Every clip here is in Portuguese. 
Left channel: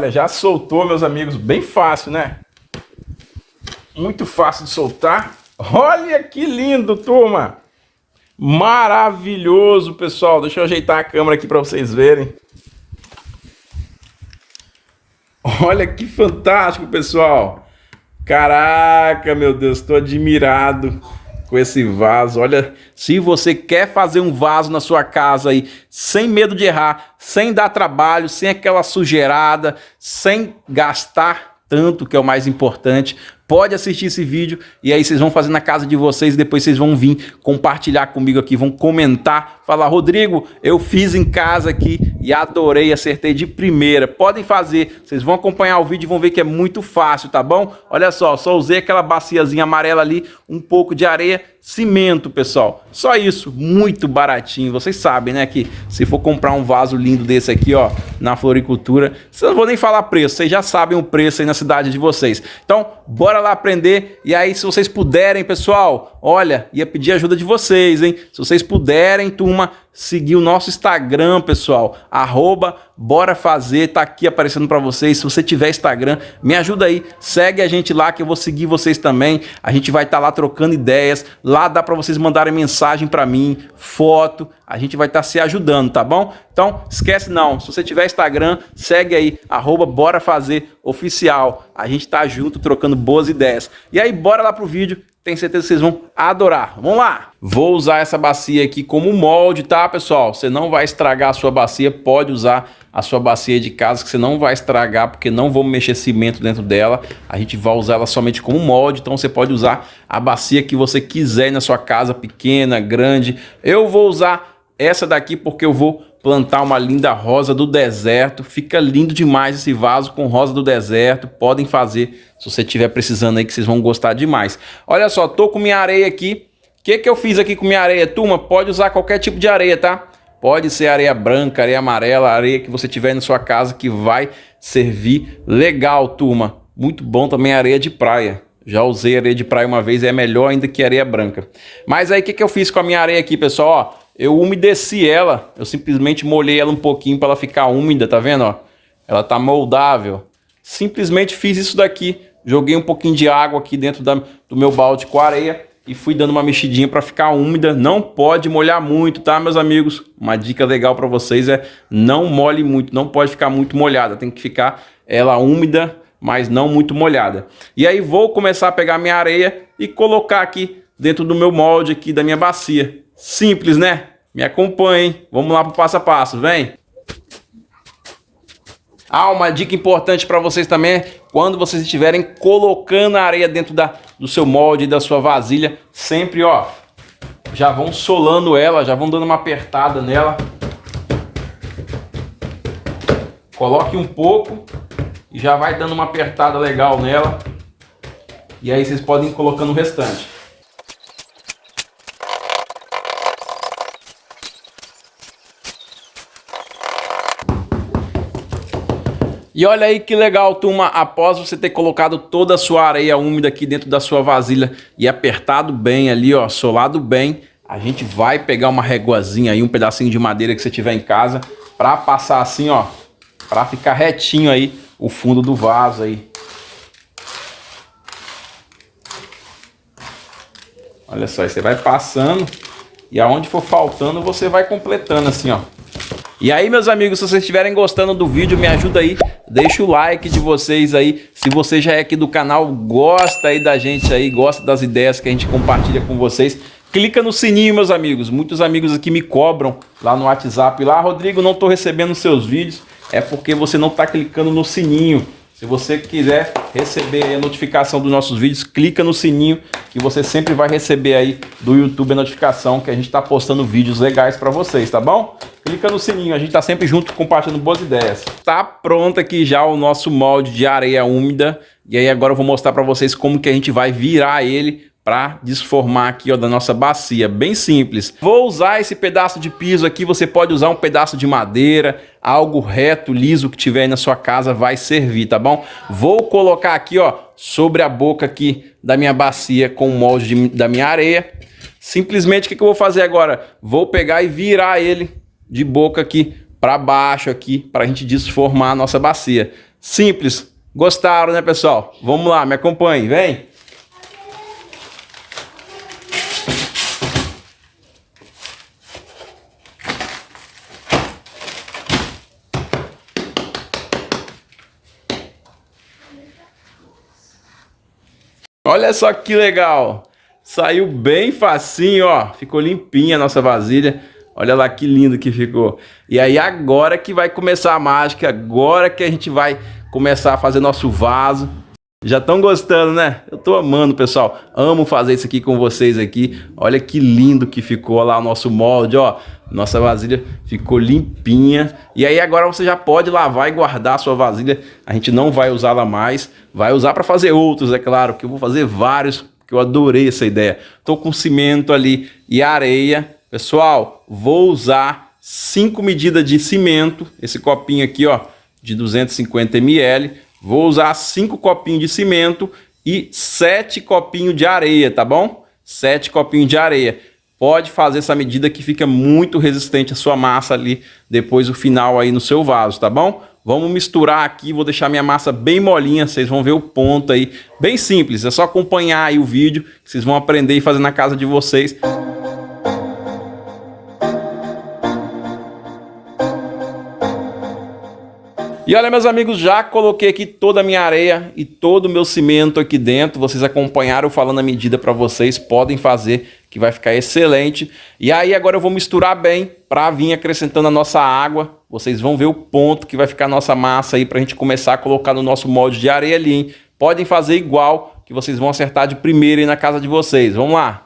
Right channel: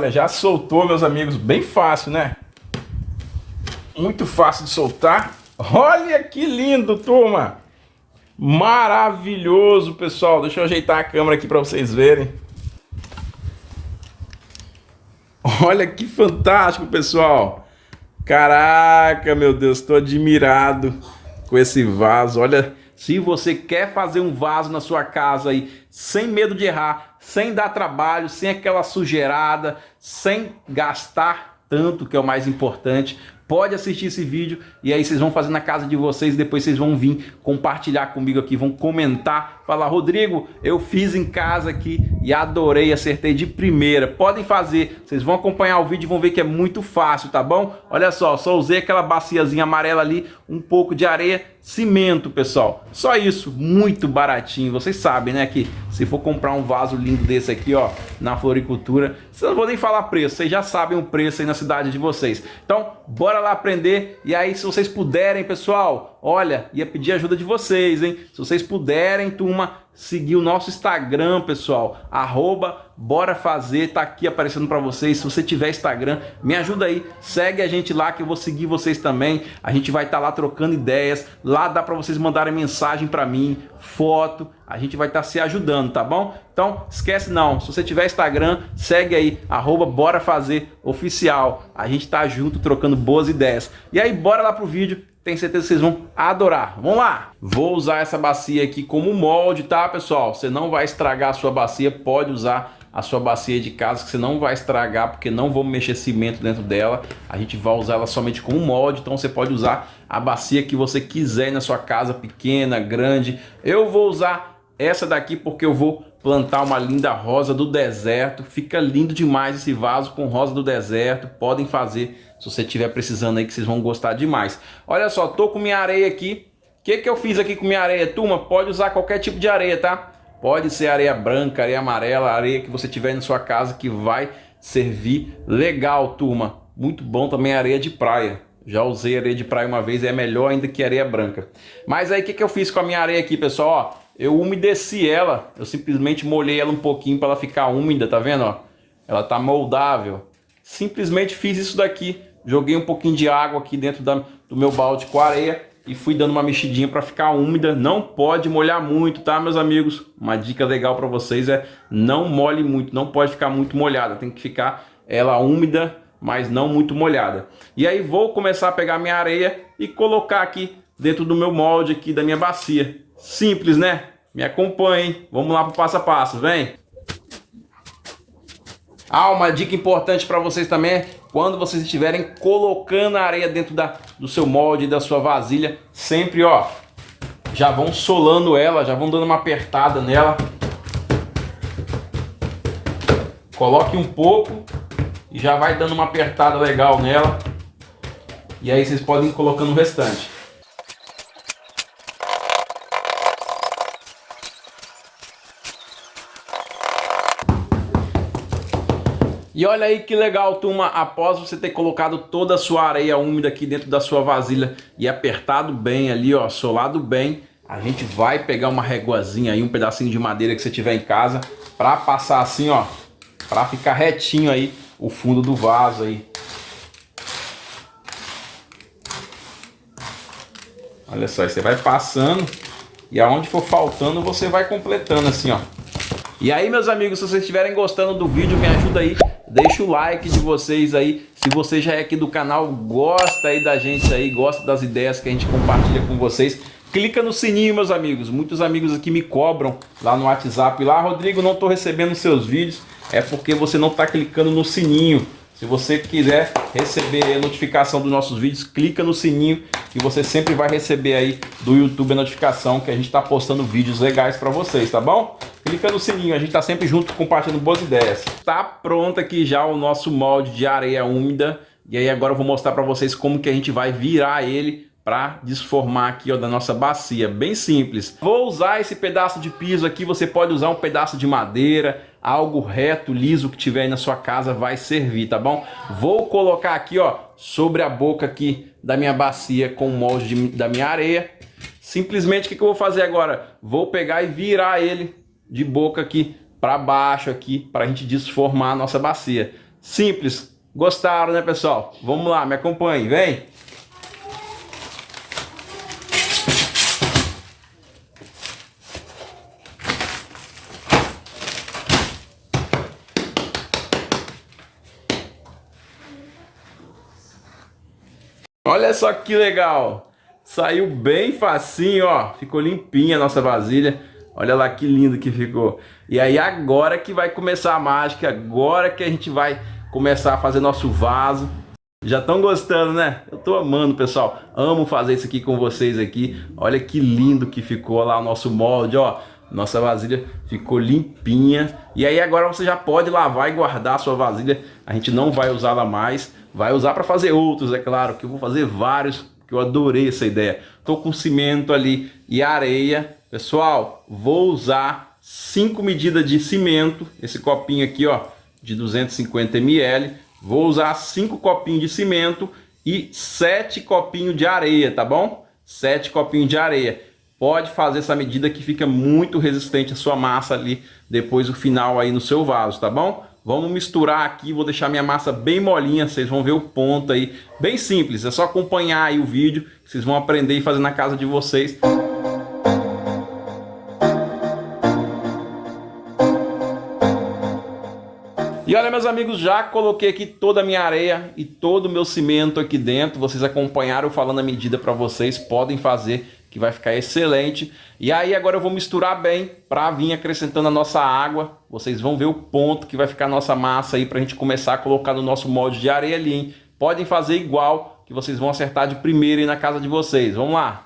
Olha, já soltou, meus amigos, bem fácil, né? Muito fácil de soltar. Olha que lindo, turma! Maravilhoso, pessoal. Deixa eu ajeitar a câmera aqui para vocês verem. Olha que fantástico, pessoal. Caraca, meu Deus, estou admirado com esse vaso. Olha, se você quer fazer um vaso na sua casa aí, sem medo de errar, sem dar trabalho, sem aquela sujeirada, sem gastar tanto, que é o mais importante, pode assistir esse vídeo e aí vocês vão fazer na casa de vocês e depois vocês vão vir compartilhar comigo aqui, vão comentar, falar: Rodrigo, eu fiz em casa aqui e adorei, acertei de primeira. Podem fazer, vocês vão acompanhar o vídeo e vão ver que é muito fácil, tá bom? Olha só usei aquela baciazinha amarela ali, um pouco de areia, cimento, pessoal. Só isso, muito baratinho. Vocês sabem, né, que se for comprar um vaso lindo desse aqui, ó, na floricultura, eu não vou nem falar preço, vocês já sabem o preço aí na cidade de vocês. Então, bora lá aprender. E aí, se vocês puderem, pessoal, olha, ia pedir ajuda de vocês, hein? Se vocês puderem, turma, seguir o nosso Instagram, pessoal, @Bora Fazer, tá aqui aparecendo para vocês. Se você tiver Instagram, me ajuda aí, segue a gente lá que eu vou seguir vocês também. A gente vai estar lá trocando ideias, lá dá para vocês mandarem mensagem para mim, foto, a gente vai estar se ajudando, tá bom? Então, esquece não, se você tiver Instagram, segue aí, @Bora Fazer Oficial. A gente tá junto trocando boas ideias. E aí, bora lá pro vídeo. Tenho certeza que vocês vão adorar. Vamos lá! Vou usar essa bacia aqui como molde, tá, pessoal? Você não vai estragar a sua bacia, pode usar a sua bacia de casa que você não vai estragar, porque não vou mexer cimento dentro dela. A gente vai usar ela somente como molde, então você pode usar a bacia que você quiser na sua casa, pequena, grande. Eu vou usar essa daqui porque eu vou plantar uma linda rosa do deserto. Fica lindo demais esse vaso com rosa do deserto. Podem fazer se você estiver precisando aí, que vocês vão gostar demais. Olha só, tô com minha areia aqui. O que eu fiz aqui com minha areia, turma? Pode usar qualquer tipo de areia, tá? Pode ser areia branca, areia amarela, areia que você tiver na sua casa que vai servir legal, turma. Muito bom também a areia de praia. Já usei areia de praia uma vez, é melhor ainda que areia branca. Mas aí o que eu fiz com a minha areia aqui, pessoal? Ó, eu umedeci ela, eu simplesmente molhei ela um pouquinho para ela ficar úmida, tá vendo? Ó? Ela tá moldável. Simplesmente fiz isso daqui, joguei um pouquinho de água aqui dentro do meu balde com areia e fui dando uma mexidinha para ficar úmida. Não pode molhar muito, tá, meus amigos? Uma dica legal para vocês é não molhe muito, não pode ficar muito molhada, tem que ficar ela úmida, mas não muito molhada. E aí vou começar a pegar minha areia e colocar aqui dentro do meu molde aqui da minha bacia. Simples, né? Me acompanhem, vamos lá pro passo a passo, vem! Ah, uma dica importante para vocês também é quando vocês estiverem colocando a areia dentro do seu molde, da sua vasilha, sempre, ó, já vão solando ela, já vão dando uma apertada nela. Coloque um pouco e já vai dando uma apertada legal nela. E aí vocês podem ir colocando o restante. E olha aí que legal, turma, após você ter colocado toda a sua areia úmida aqui dentro da sua vasilha e apertado bem ali, ó, solado bem, a gente vai pegar uma reguazinha aí, um pedacinho de madeira que você tiver em casa, para passar assim, ó, para ficar retinho aí o fundo do vaso aí. Olha só, aí você vai passando e aonde for faltando você vai completando assim, ó. E aí, meus amigos, se vocês estiverem gostando do vídeo, me ajuda aí, deixa o like de vocês aí. Se você já é aqui do canal, gosta aí da gente aí, gosta das ideias que a gente compartilha com vocês, clica no sininho, meus amigos. Muitos amigos aqui me cobram lá no WhatsApp, lá: Rodrigo, não estou recebendo seus vídeos. É porque você não está clicando no sininho. Se você quiser receber a notificação dos nossos vídeos, clica no sininho que você sempre vai receber aí do YouTube a notificação que a gente está postando vídeos legais para vocês, tá bom? Clica no sininho, a gente está sempre junto compartilhando boas ideias. Tá pronto aqui já o nosso molde de areia úmida. E aí agora eu vou mostrar para vocês como que a gente vai virar ele para desformar aqui, ó, da nossa bacia. Bem simples. Vou usar esse pedaço de piso aqui, você pode usar um pedaço de madeira, algo reto, liso que tiver aí na sua casa vai servir, tá bom? Vou colocar aqui, ó, sobre a boca aqui da minha bacia com o molde da minha areia. Simplesmente o que eu vou fazer agora? Vou pegar e virar ele de boca aqui para baixo aqui, para a gente desformar a nossa bacia. Simples. Gostaram, né, pessoal? Vamos lá, me acompanhe, vem. Olha só que legal. Saiu bem facinho, ó. Ficou limpinha a nossa vasilha. Olha lá que lindo que ficou. E aí agora que vai começar a mágica, agora que a gente vai começar a fazer nosso vaso. Já estão gostando, né? Eu tô amando, pessoal. Amo fazer isso aqui com vocês aqui. Olha que lindo que ficou lá o nosso molde, ó. Nossa vasilha ficou limpinha. E aí agora você já pode lavar e guardar a sua vasilha. A gente não vai usá-la mais. Vai usar para fazer outros, é claro, que eu vou fazer vários, que eu adorei essa ideia. Tô com cimento ali e areia. Pessoal, vou usar 5 medidas de cimento. Esse copinho aqui, ó, de 250 ml. Vou usar 5 copinhos de cimento e 7 copinhos de areia, tá bom? 7 copinhos de areia. Pode fazer essa medida que fica muito resistente a sua massa ali, depois o final aí no seu vaso, tá bom? Vamos misturar aqui, vou deixar minha massa bem molinha, vocês vão ver o ponto aí. Bem simples, é só acompanhar aí o vídeo, que vocês vão aprender e fazer na casa de vocês. E olha, meus amigos, já coloquei aqui toda a minha areia e todo o meu cimento aqui dentro. Vocês acompanharam falando a medida para vocês, podem fazer que vai ficar excelente. E aí agora eu vou misturar bem para vir acrescentando a nossa água. Vocês vão ver o ponto que vai ficar a nossa massa aí para a gente começar a colocar no nosso molde de areia ali, hein? Podem fazer igual, que vocês vão acertar de primeira aí na casa de vocês. Vamos lá!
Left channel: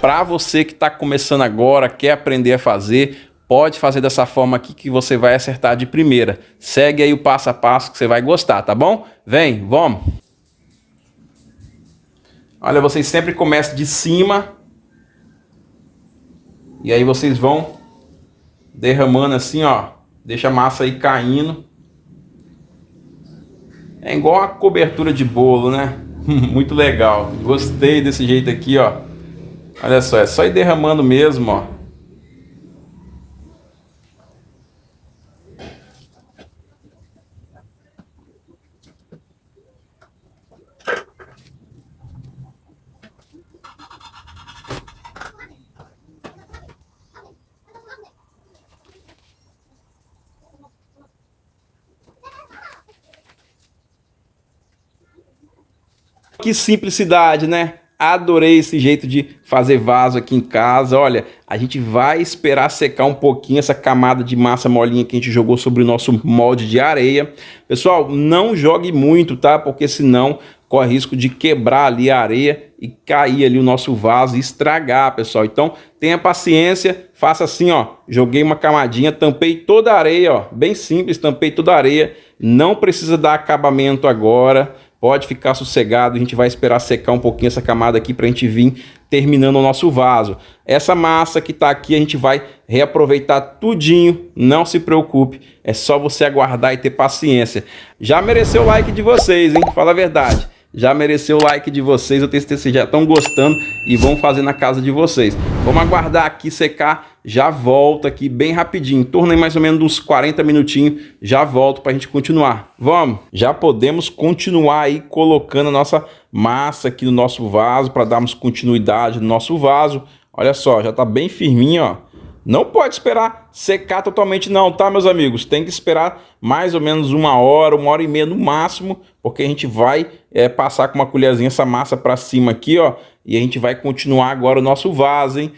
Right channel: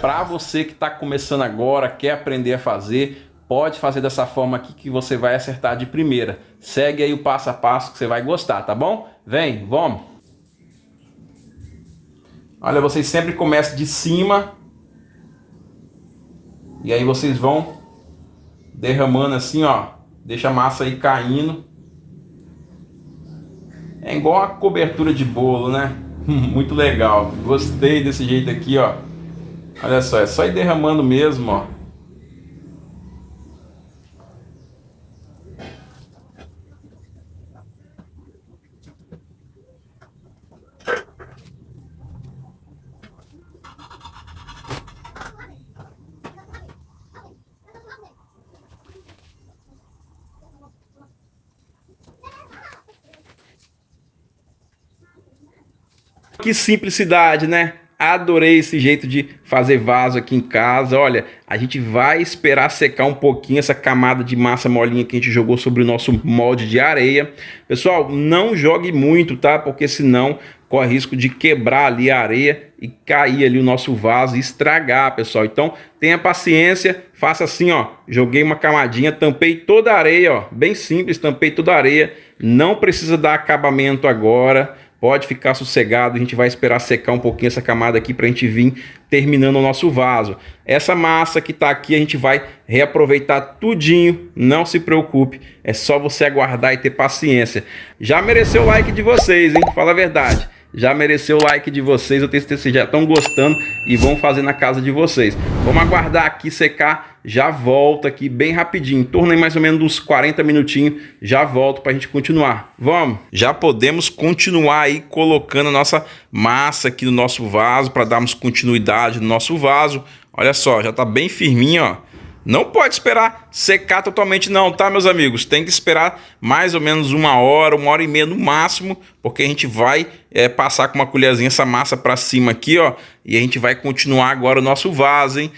Para você que está começando agora, quer aprender a fazer, pode fazer dessa forma aqui que você vai acertar de primeira. Segue aí o passo a passo que você vai gostar, tá bom? Vem, vamos! Olha, vocês sempre começam de cima. E aí vocês vão derramando assim, ó. Deixa a massa aí caindo. É igual a cobertura de bolo, né? Muito legal. Gostei desse jeito aqui, ó. Olha só, é só ir derramando mesmo, ó. Que simplicidade, né? Adorei esse jeito de fazer vaso aqui em casa. Olha, a gente vai esperar secar um pouquinho essa camada de massa molinha que a gente jogou sobre o nosso molde de areia. Pessoal, não jogue muito, tá? Porque senão corre risco de quebrar ali a areia e cair ali o nosso vaso e estragar, pessoal. Então, tenha paciência, faça assim, ó. Joguei uma camadinha, tampei toda a areia, ó. Bem simples, tampei toda a areia. Não precisa dar acabamento agora. Pode ficar sossegado, a gente vai esperar secar um pouquinho essa camada aqui para a gente vir terminando o nosso vaso. Essa massa que está aqui a gente vai reaproveitar tudinho, não se preocupe, é só você aguardar e ter paciência. Já mereceu o like de vocês, hein? Fala a verdade. Já mereceu o like de vocês, eu tenho certeza que vocês já estão gostando e vão fazer na casa de vocês. Vamos aguardar aqui secar, já volto aqui bem rapidinho, em torno de mais ou menos uns 40 minutinhos, já volto para a gente continuar. Vamos! Já podemos continuar aí colocando a nossa massa aqui no nosso vaso, para darmos continuidade no nosso vaso. Olha só, já está bem firminho, ó. Não pode esperar secar totalmente não, tá, meus amigos? Tem que esperar mais ou menos uma hora e meia no máximo, porque a gente vai passar com uma colherzinha essa massa para cima aqui, ó, e a gente vai continuar agora o nosso vaso, hein?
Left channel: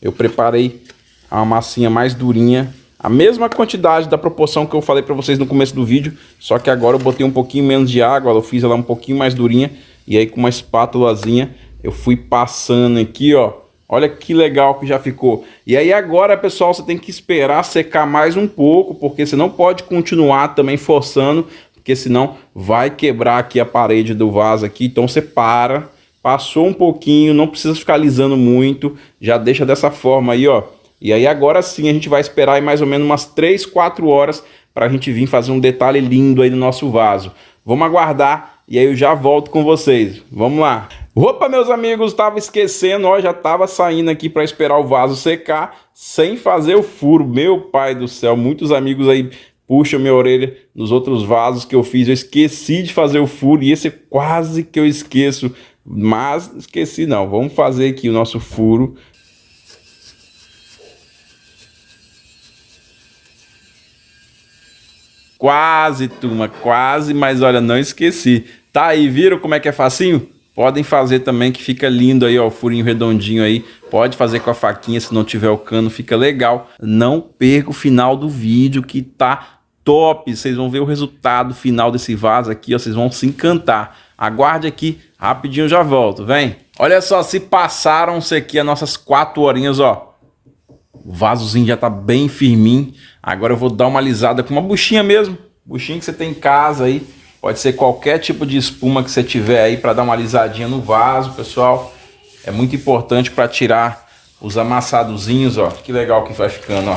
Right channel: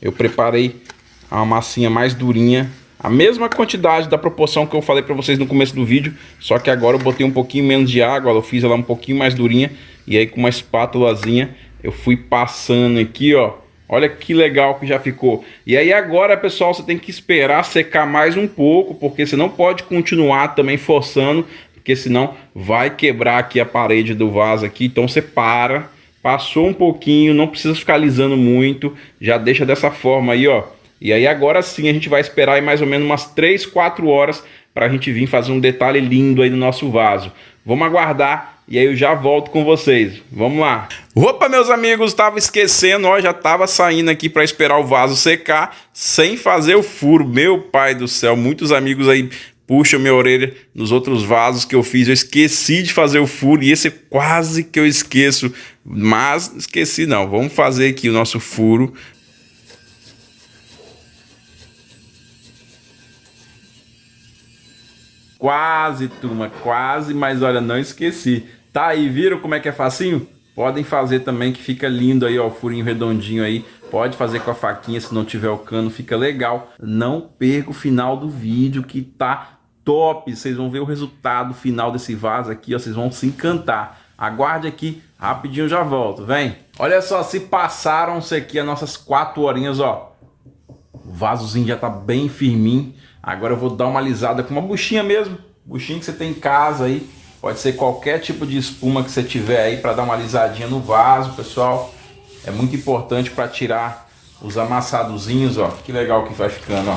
eu preparei uma massinha mais durinha. A mesma quantidade da proporção que eu falei pra vocês no começo do vídeo. Só que agora eu botei um pouquinho menos de água. Eu fiz ela um pouquinho mais durinha. E aí com uma espátulazinha eu fui passando aqui, ó. Olha que legal que já ficou. E aí agora, pessoal, você tem que esperar secar mais um pouco. Porque você não pode continuar também forçando. Porque senão vai quebrar aqui a parede do vaso aqui. Então você para. Passou um pouquinho. Não precisa ficar alisando muito. Já deixa dessa forma aí, ó. E aí agora sim a gente vai esperar aí mais ou menos umas 3, 4 horas para a gente vir fazer um detalhe lindo aí no nosso vaso. Vamos aguardar e aí eu já volto com vocês. Vamos lá. Opa, meus amigos, estava esquecendo, ó, já estava saindo aqui para esperar o vaso secar sem fazer o furo. Meu pai do céu, muitos amigos aí puxam minha orelha nos outros vasos que eu fiz. Eu esqueci de fazer o furo e esse quase que eu esqueço, mas esqueci não. Vamos fazer aqui o nosso furo. Quase, turma, quase, mas olha, não esqueci. Tá aí, viram como é que é facinho? Podem fazer também que fica lindo aí, ó, o furinho redondinho aí. Pode fazer com a faquinha se não tiver o cano, fica legal. Não perca o final do vídeo que tá top. Vocês vão ver o resultado final desse vaso aqui, ó, vocês vão se encantar. Aguarde aqui, rapidinho eu já volto, vem. Olha só, se passaram-se aqui as nossas 4 horinhas, ó. O vasozinho já tá bem firminho. Agora eu vou dar uma alisada com uma buchinha mesmo. Buchinha que você tem em casa aí. Pode ser qualquer tipo de espuma que você tiver aí para dar uma alisadinha no vaso, pessoal. É muito importante para tirar os amassadozinhos, ó. Que legal que vai ficando, ó.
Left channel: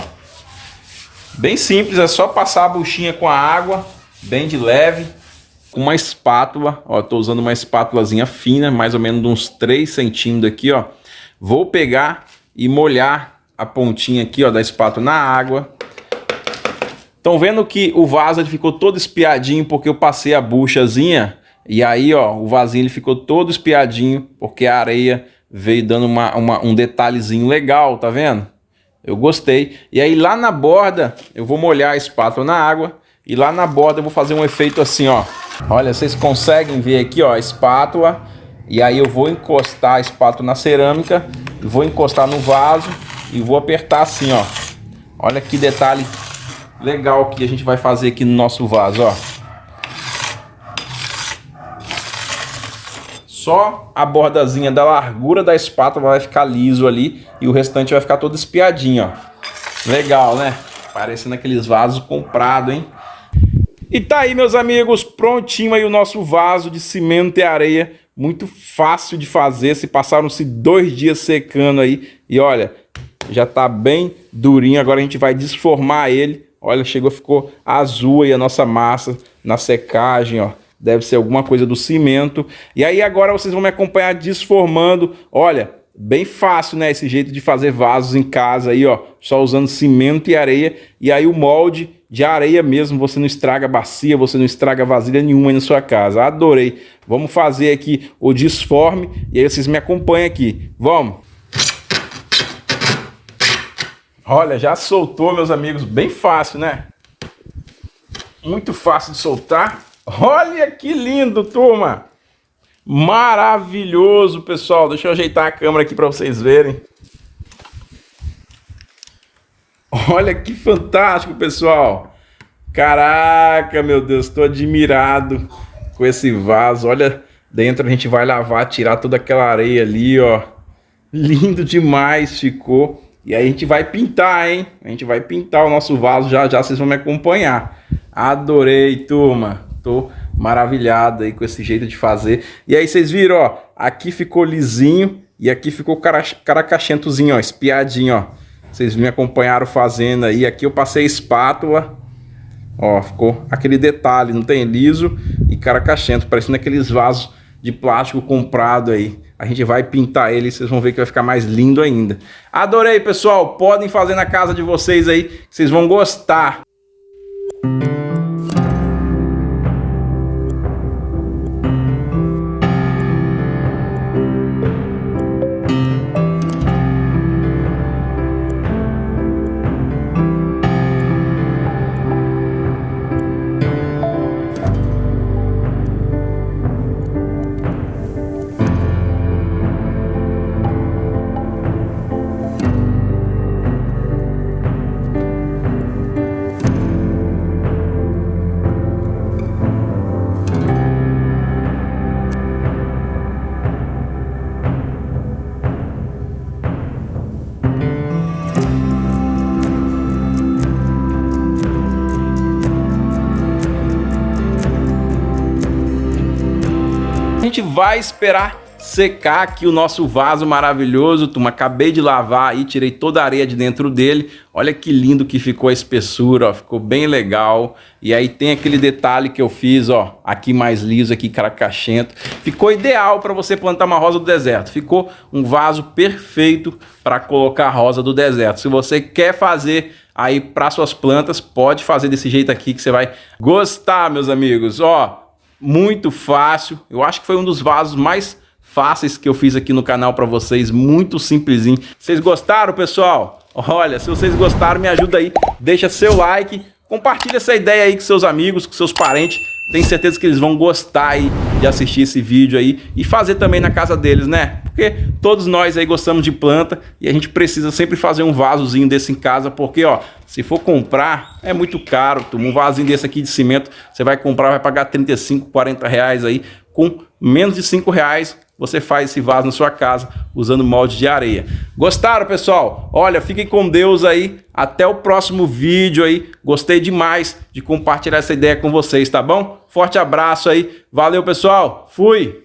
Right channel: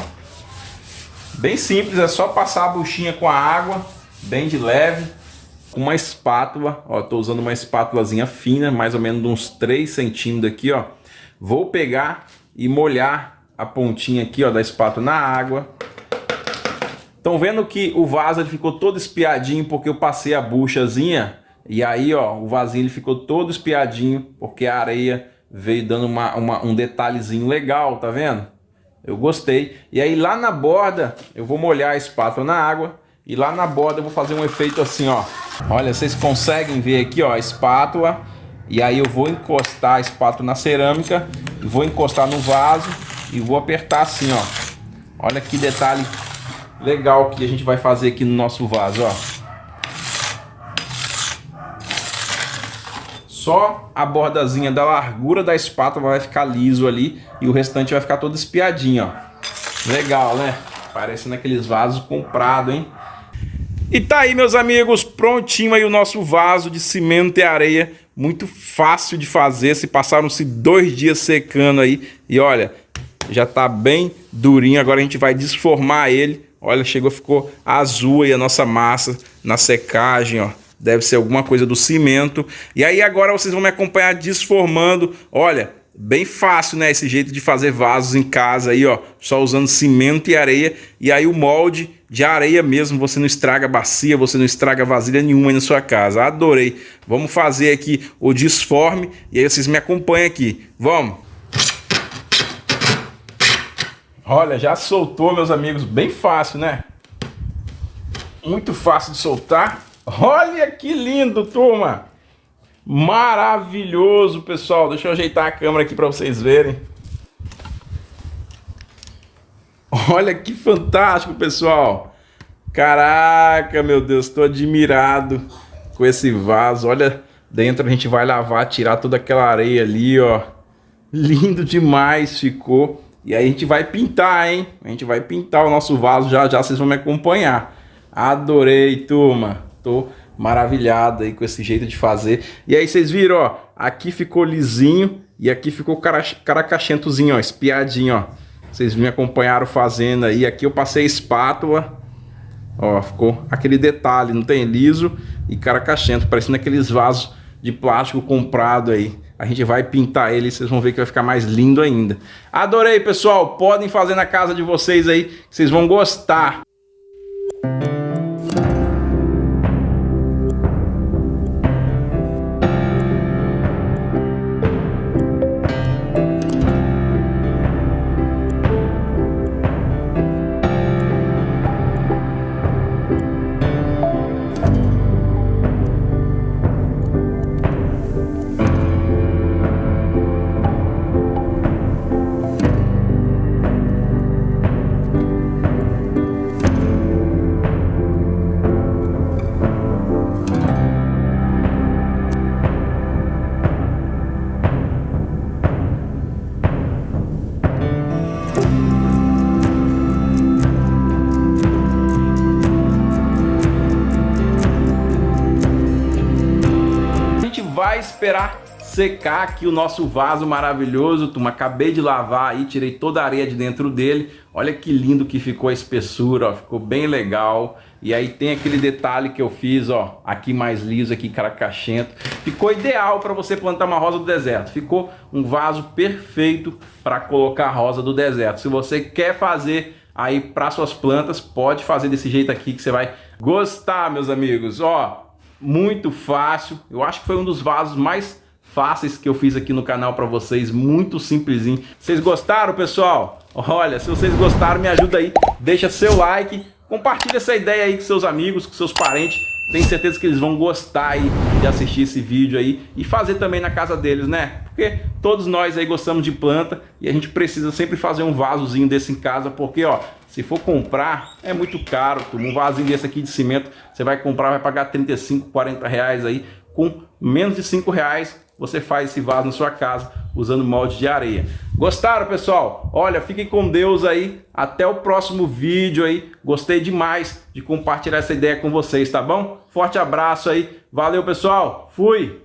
Bem simples, é só passar a buchinha com a água, bem de leve. Com uma espátula, ó. Tô usando uma espátulazinha fina, mais ou menos de uns 3 centímetros aqui, ó. Vou pegar e molhar a pontinha aqui, ó, da espátula na água. Estão vendo que o vaso ele ficou todo espiadinho porque eu passei a buchazinha. E aí, ó, o vasinho ele ficou todo espiadinho porque a areia veio dando um detalhezinho legal, tá vendo? Eu gostei. E aí lá na borda eu vou molhar a espátula na água. E lá na borda eu vou fazer um efeito assim, ó. Olha, vocês conseguem ver aqui, ó, a espátula. E aí eu vou encostar a espátula na cerâmica. E vou encostar no vaso. E vou apertar assim, ó. Olha que detalhe legal que a gente vai fazer aqui no nosso vaso, ó. Só a bordazinha da largura da espátula vai ficar liso ali e o restante vai ficar todo espiadinho, ó. Legal, né? Parecendo aqueles vasos comprados, hein? E tá aí, meus amigos, prontinho aí o nosso vaso de cimento e areia. Muito fácil de fazer, se passaram-se 2 dias secando aí. E olha, já tá bem durinho, agora a gente vai desformar ele. Olha, ficou azul aí a nossa massa na secagem, ó. Deve ser alguma coisa do cimento. E aí agora vocês vão me acompanhar desformando. Olha, bem fácil, né? Esse jeito de fazer vasos em casa aí, ó. Só usando cimento e areia. E aí o molde de areia mesmo. Você não estraga bacia, você não estraga vasilha nenhuma aí na sua casa. Adorei. Vamos fazer aqui o desforme. E aí vocês me acompanham aqui. Vamos! Olha, já soltou, meus amigos, bem fácil, né? Muito fácil de soltar. Olha que lindo, turma! Maravilhoso, pessoal. Deixa eu ajeitar a câmera aqui para vocês verem. Olha que fantástico, pessoal. Caraca, meu Deus, estou admirado com esse vaso. Olha, dentro a gente vai lavar, tirar toda aquela areia ali, ó. Lindo demais ficou. E aí a gente vai pintar, hein? A gente vai pintar o nosso vaso já já, vocês vão me acompanhar. Adorei, turma. Tô maravilhado aí com esse jeito de fazer. E aí vocês viram, ó, aqui ficou lisinho e aqui ficou caracachentozinho, ó, espiadinho, ó. Vocês me acompanharam fazendo aí. Aqui eu passei a espátula. Ó, ficou aquele detalhe, não tem? Liso e caracachento, parecendo aqueles vasos de plástico comprado aí. A gente vai pintar ele e vocês vão ver que vai ficar mais lindo ainda. Adorei, pessoal. Podem fazer na casa de vocês aí, vocês vão gostar. vai esperar secar aqui o nosso vaso maravilhoso, turma. Acabei de lavar aí, tirei toda a areia de dentro dele. Olha que lindo que ficou a espessura, ó, ficou bem legal. E aí tem aquele detalhe que eu fiz, ó, aqui mais liso, aqui caracachento. Ficou ideal para você plantar uma rosa do deserto. Ficou um vaso perfeito para colocar a rosa do deserto. Se você quer fazer aí para suas plantas, pode fazer desse jeito aqui que você vai gostar, meus amigos. Ó, muito fácil. Eu acho que foi um dos vasos mais fáceis que eu fiz aqui no canal para vocês, muito simplesinho. Vocês gostaram, pessoal? Olha, se vocês gostaram, me ajuda aí, deixa seu like, compartilha essa ideia aí com seus amigos, com seus parentes. Tenho certeza que eles vão gostar aí de assistir esse vídeo aí e fazer também na casa deles, né? Porque todos nós aí gostamos de planta e a gente precisa sempre fazer um vasozinho desse em casa, porque ó, se for comprar é muito caro. Um vasinho desse aqui de cimento, você vai comprar, vai pagar 35, 40 reais aí. Com menos de 5 reais você faz esse vaso na sua casa usando molde de areia. Gostaram, pessoal? Olha, fiquem com Deus aí. Até o próximo vídeo aí. Gostei demais de compartilhar essa ideia com vocês, tá bom? Forte abraço aí. Valeu, pessoal. Fui!